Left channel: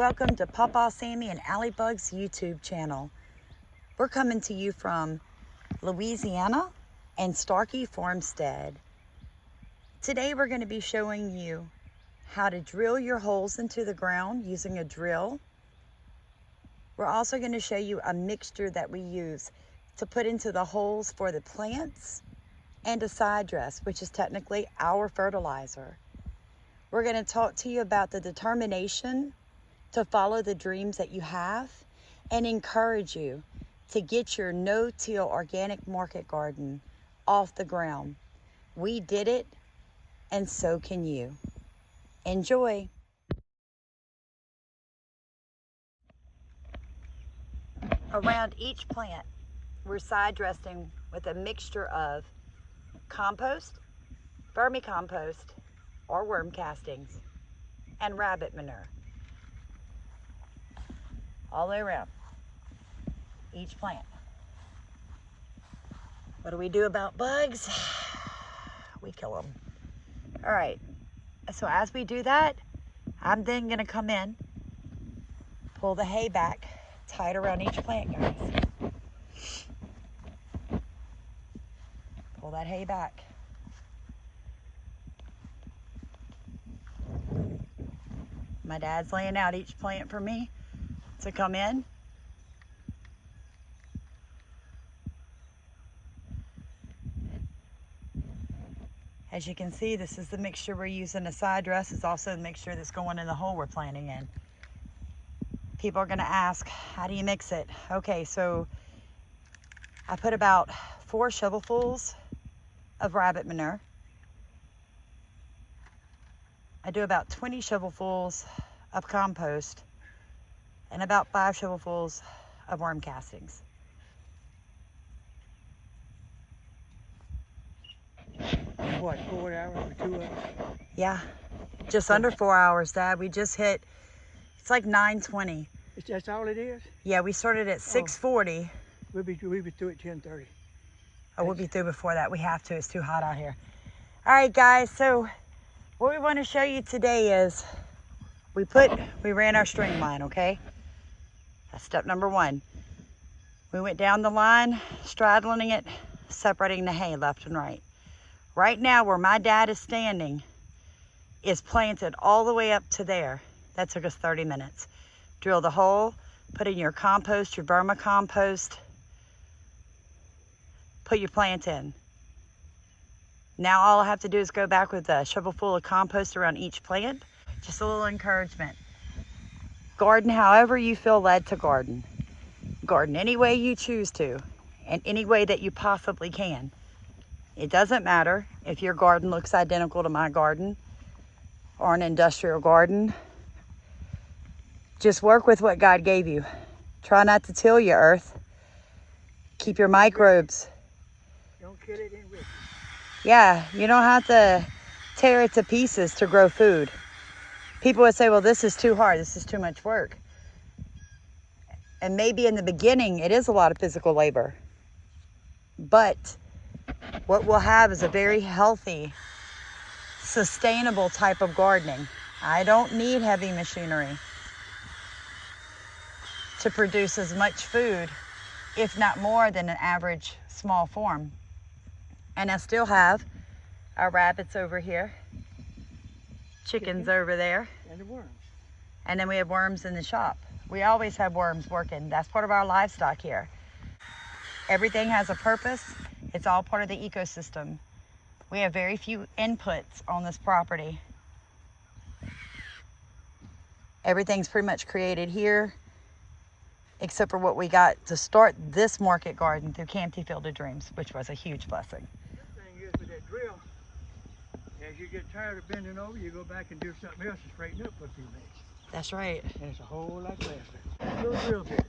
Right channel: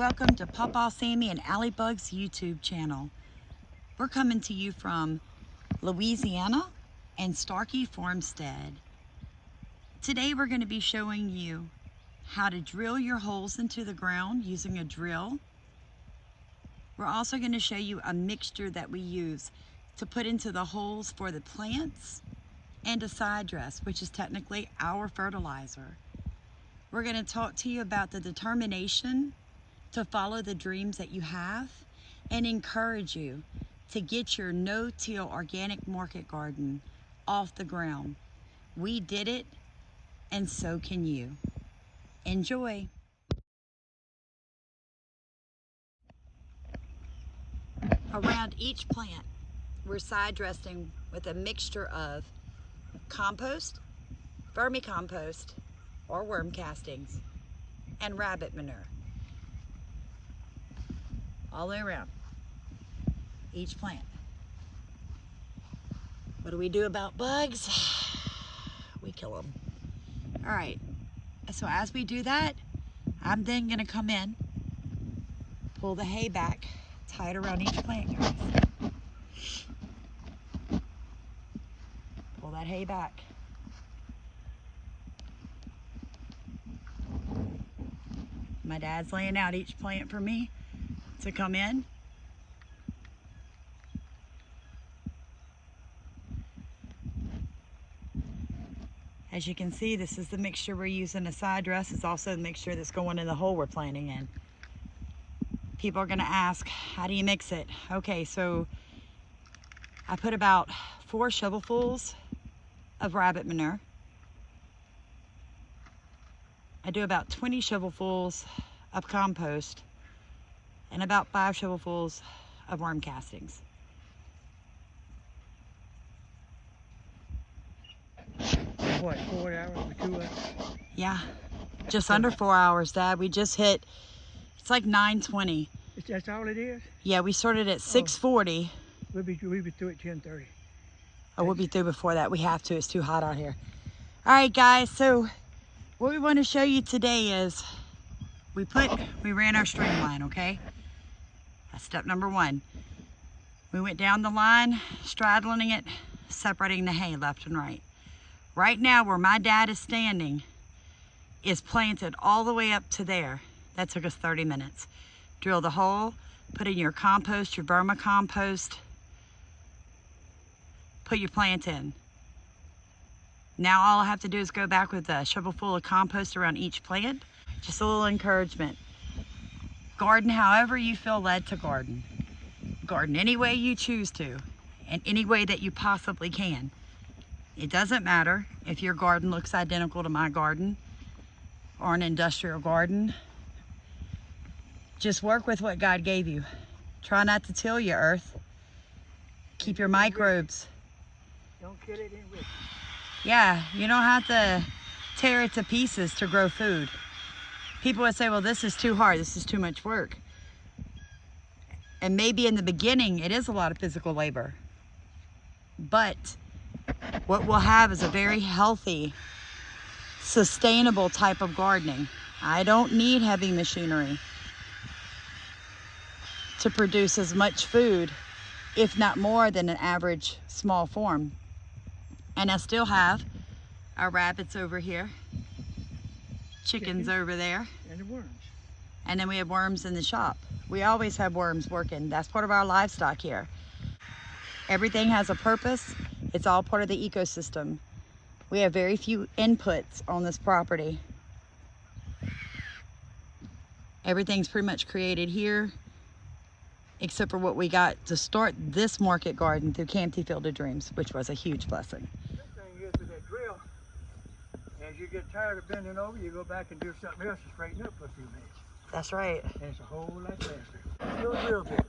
Welcome to Pawpaw Sammy and Alley Bug's YouTube channel. We're coming to you from Louisiana and Starkey Farmstead. Today we're going to be showing you how to drill your holes into the ground using a drill. We're also going to show you a mixture that we use to put into the holes for the plants and a side dress, which is technically our fertilizer. We're going to talk to you about the determination to follow the dreams that you have and encourage you to get your no-till organic market garden off the ground. We did it, and so can you. Enjoy. Around each plant, we're side dressing with a mixture of compost, vermicompost, or worm castings, and rabbit manure. All the way around each plant. What do we do about bugs? We kill them. All right, so as we do that, I'm then gonna come in, pull the hay back, tie it around each plant, guys. Pull that hay back. My dad's laying out each plant for me to come in. As you can see, this is the mixture we're using. The side dress is also the mixture that's going in the hole we're planting in. People are gonna ask, how do you mix it? Okay, so I put about 4 shovelfuls of rabbit manure. I do about 20 shovelfuls of compost and about 5 shovelfuls of worm castings. What, 4 hours or 2 hours? Yeah, just under 4 hours, Dad. We just hit, it's like 9:20. That's all it is? Yeah, we started at 6:40. We'll be through at 10:30. Oh, we'll be through before that. We have to, it's too hot out here. All right, guys, so what we want to show you today is we ran our streamline, okay? That's step number 1. We went down the line, straddling it, separating the hay left and right. Right now, where my dad is standing is planted all the way up to there. That took us 30 minutes. Drill the hole, put in your compost, your vermicompost, put your plant in. Now all I have to do is go back with a shovelful of compost around each plant. Just a little encouragement. Garden however you feel led to garden. Garden any way you choose to, and any way that you possibly can. It doesn't matter if your garden looks identical to my garden or an industrial garden. Just work with what God gave you. Try not to till your earth. Keep your microbes. Don't kill it in with it. Yeah, you don't have to tear it to pieces to grow food. People would say, well, this is too hard. This is too much work. And maybe in the beginning, it is a lot of physical labor. But what we'll have is a very healthy, sustainable type of gardening. I don't need heavy machinery to produce as much food, if not more than an average small farm. And I still have our rabbits over here, chickens over there, And the worms. and then we have worms in the shop. We always have worms working. That's part of our livestock here. Everything has a purpose. It's all part of the ecosystem. We have very few inputs on this property. Everything's pretty much created here, except for what we got to start this market garden through Campty Field of Dreams, which was a huge blessing. The thing is with that drill, as you get tired of bending over, you go back and do something else to straighten up for a few minutes. That's right. And it's a whole lot faster. Little drill bit.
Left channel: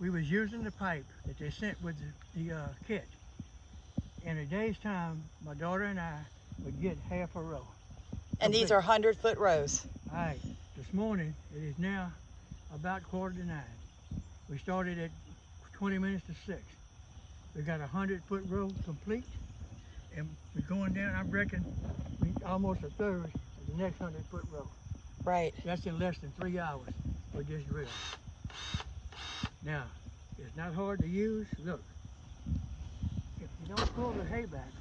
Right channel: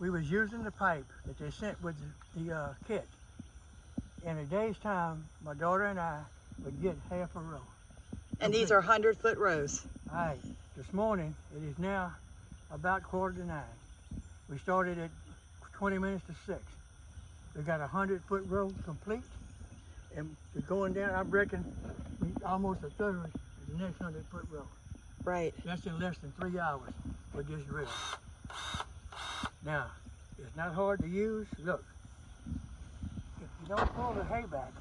We was using the pipe that they sent with the kit. In a day's time, my daughter and I would get half a row. And these are 100-foot rows. All right, this morning, it is now about 8:45. We started at 20 minutes to 6. We got a 100-foot row complete, and we're going down, I reckon, almost a third of the next 100-foot row. Right. That's in less than 3 hours with this drill. Now, it's not hard to use. Look, if you don't pull the hay back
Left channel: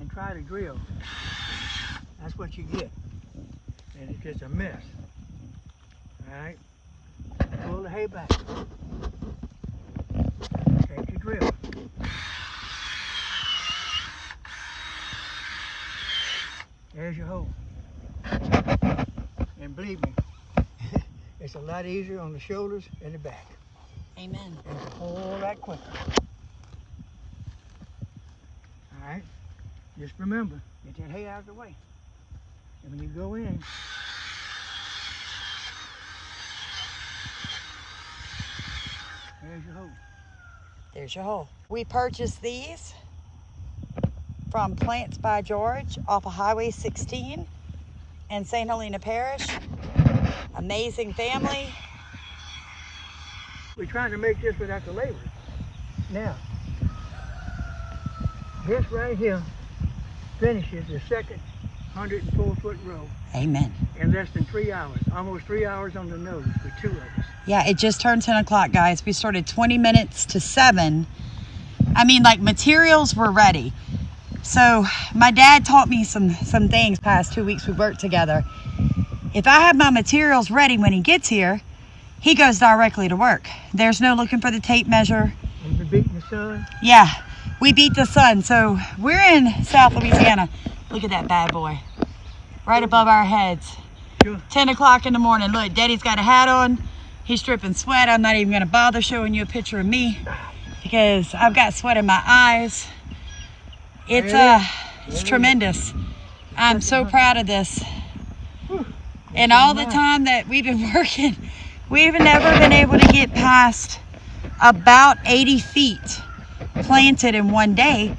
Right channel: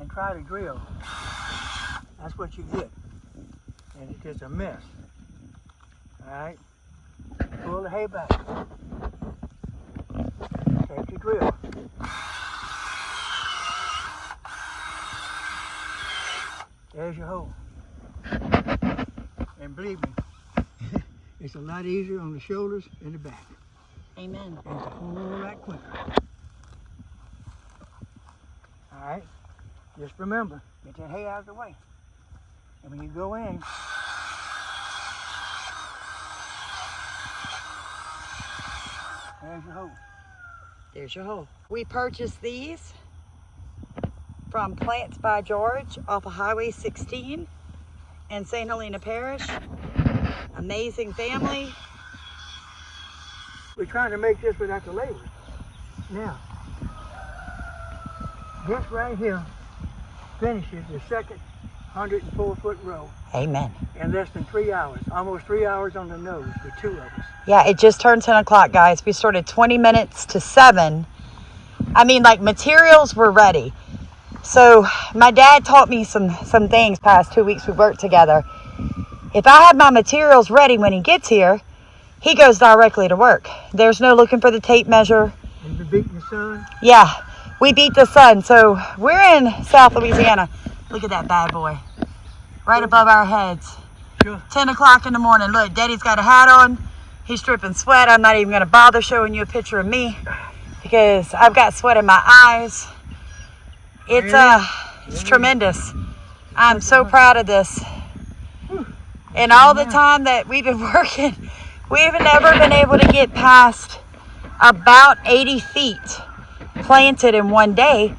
and try to drill, that's what you get. And it gets a mess. All right? Pull the hay back. Take your drill. There's your hole. And believe me, it's a lot easier on the shoulders and the back. Amen. And it's a whole lot quicker. All right? Just remember, get that hay out of the way. And when you go in, there's your hole. There's your hole. We purchased these from Plants by George off of Highway 16 in St. Helena Parish. Amazing family. We're trying to make this without the labor. Now, this right here finishes the second 104-foot row Amen. in less than 3 hours. Almost 3 hours on the nose with 2 of us. Yeah, it just turned 10 o'clock, guys. We started 20 minutes to 7. I mean, like, materials were ready. So my dad taught me some things past 2 weeks we worked together. If I have my materials ready when he gets here, he goes directly to work. There's no looking for the tape measure. And you beating the sun? Yeah, we beat the sun. So we're in South Louisiana. Look at that bad boy. Right above our heads. Sure. 10 o'clock in the morning. Look, Daddy's got a hat on. He's dripping sweat. I'm not even going to bother showing you a picture of me because I've got sweat in my eyes. It's tremendous. I'm so proud of this. And all the time that we've been working, we've never been able to get past about 80 feet planted in one day,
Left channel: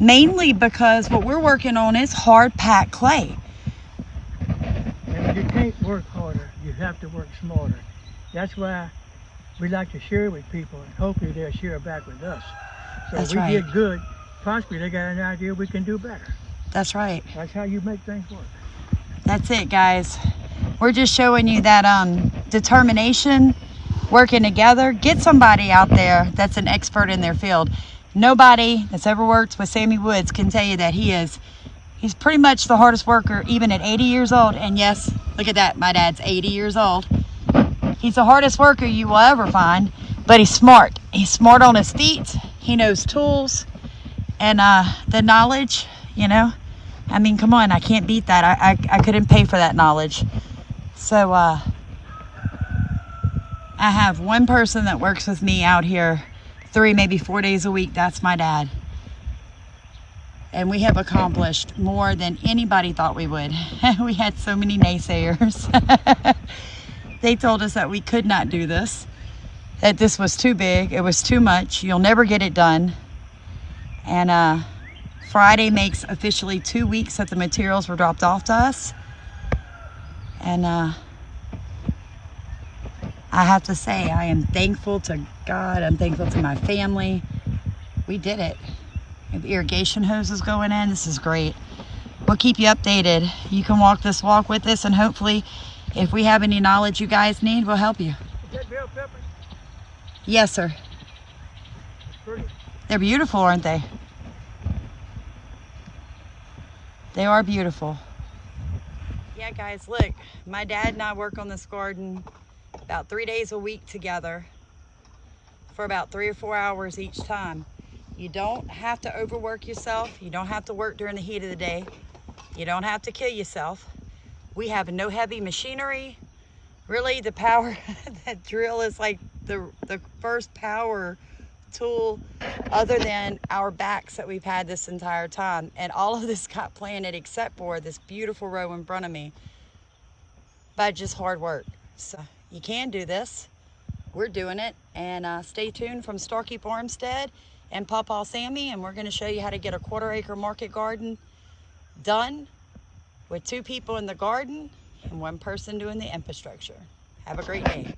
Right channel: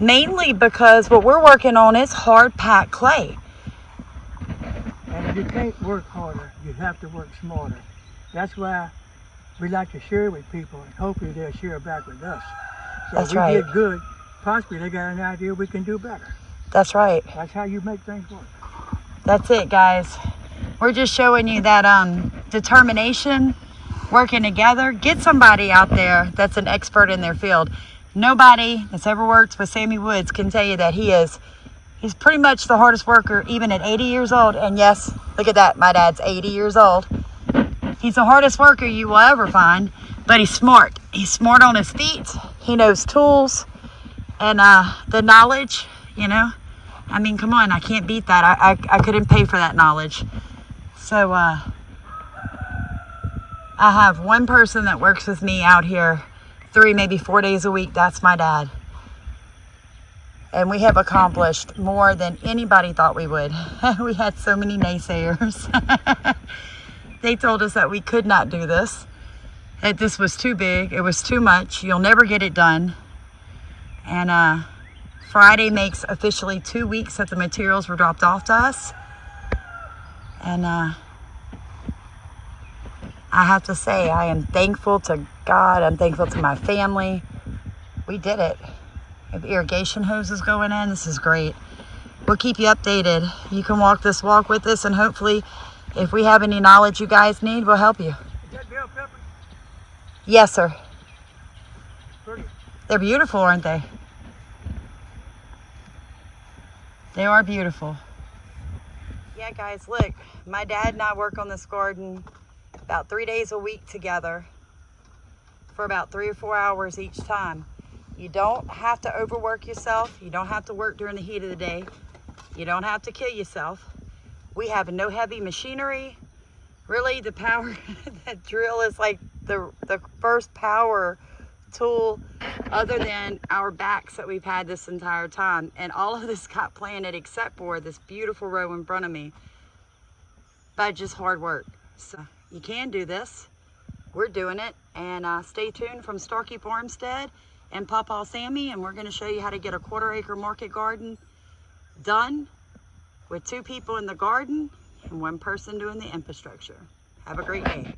mainly because what we're working on is hard packed clay. And you can't work harder, you have to work smarter. That's why we like to share with people, and hopefully they'll share back with us. So That's we right. did good, possibly they got an idea we can do better. That's right. That's how you make things work. That's it, guys. We're just showing you that determination, working together. Get somebody out there that's an expert in their field. Nobody that's ever worked with Sammy Woods can tell you that he's pretty much the hardest worker, even at 80 years old. And yes, look at that, my dad's 80 years old. He's the hardest worker you will ever find, but he's smart. He's smart on his feet. He knows tools and the knowledge, you know. I mean, come on, I can't beat that. I couldn't pay for that knowledge. So I have one person that works with me out here 3, maybe 4 days a week. That's my dad. And we have accomplished more than anybody thought we would. We had so many naysayers. They told us that we could not do this, that this was too big, it was too much, you'll never get it done. And Friday makes officially 2 weeks that the materials were dropped off to us. And I have to say, I am thankful to God. I'm thankful to my family. We did it. We have irrigation hoses going in. This is great. We'll keep you updated. You can walk this walk with us, and hopefully, if we have any knowledge you guys need, we'll help you. Is that bell pepper? Yes, sir. Pretty. They're beautiful, aren't they? They are beautiful. Yeah, guys, look, my dad and I work on this garden about 3 days a week together for about 3 or 4 hours each time. You don't have to overwork yourself. You don't have to work during the heat of the day. You don't have to kill yourself. We have no heavy machinery. Really, the power, that drill is like the first power tool other than our backs that we've had this entire time. And all of this got planted except for this beautiful row in front of me by just hard work. So you can do this. We're doing it. And stay tuned from Starkey Farmstead and Pawpaw Sammy, and we're going to show you how to get a 1/4 acre market garden done with 2 people in the garden and 1 person doing the infrastructure. Have a great day.